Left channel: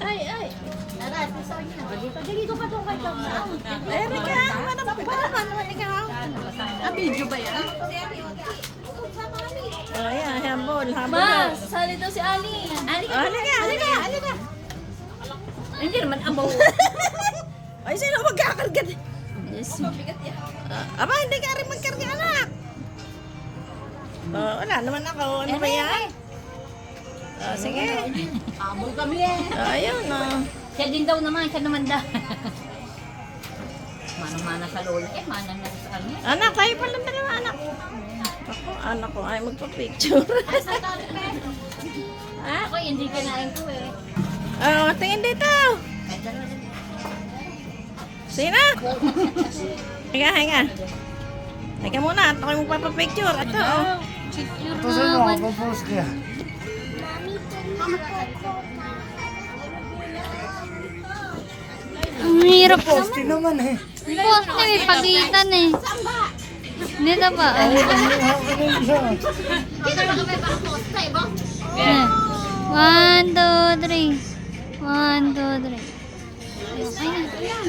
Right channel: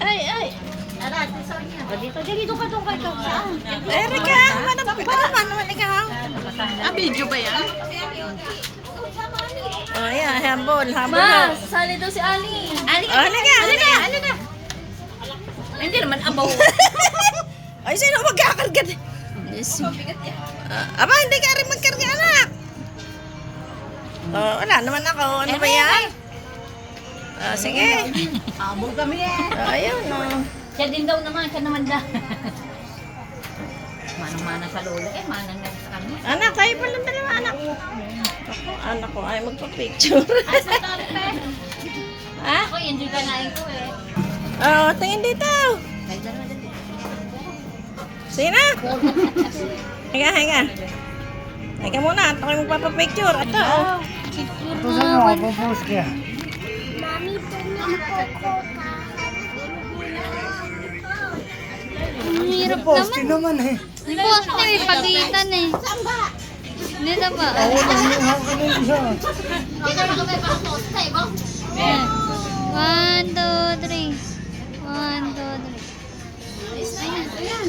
Ay, ay. Dito ka doon kay Kang. Erika, para naman ikaw. Video ba yan? Oh, yeah, habol, habol. Ma, sasali daw si Ali. Oh, halika. Hindi naman abaw. Ay, sino magkakargat? Aba, hindi ka rin magkarga, anak. Oh, wala naman ako. Ano ba yan? Sige. Abol kami eh. Ayun, no. Siya din daw naman, siya naman daw. Manang-mana sa lola eh, manang na sa kanya. Anak, tayo pa lang dalawa, anak. Ako, anak ko ay magpa-picture. Ha? Ako, hindi ka nain ko eh. Oh, tingin dito. Sige na. Hinga. Hinga muna, ako yung magpapa-picture. Ito, oh. Picture Ang hirap naman. eh. Post na may pagitan eh. Dito ba? Eh, 1, 2, 3. 1, 2, 3. Ayan.